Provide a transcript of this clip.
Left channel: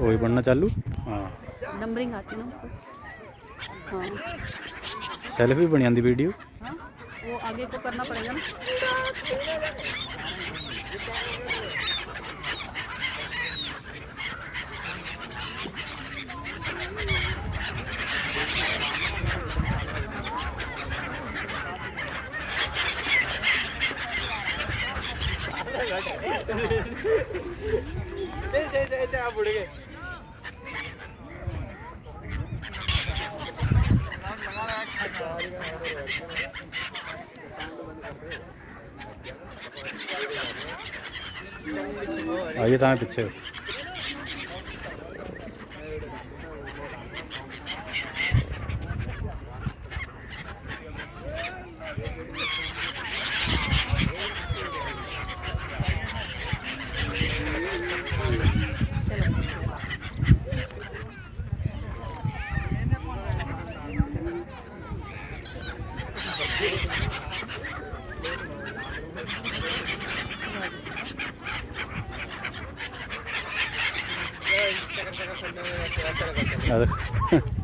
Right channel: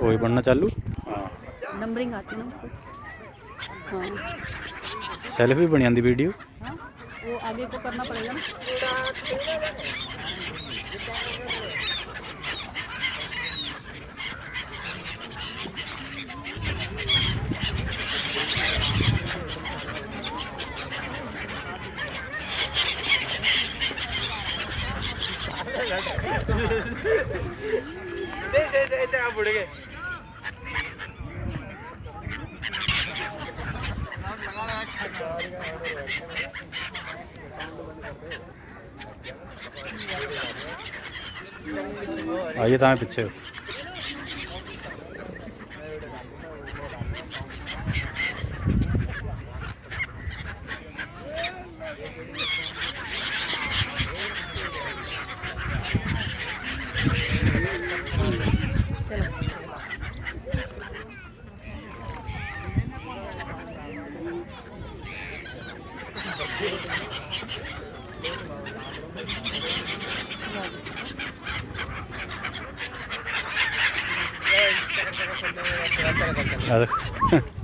वही बनना चालू। हाँ नंबरिंग आती ना उसको। हाँ सेल्फ भी बन जाती वीडियो। हाँ वो आगे को करना पड़ेगा ना। आप उड़ गए। आइए तो पीछे। आ देख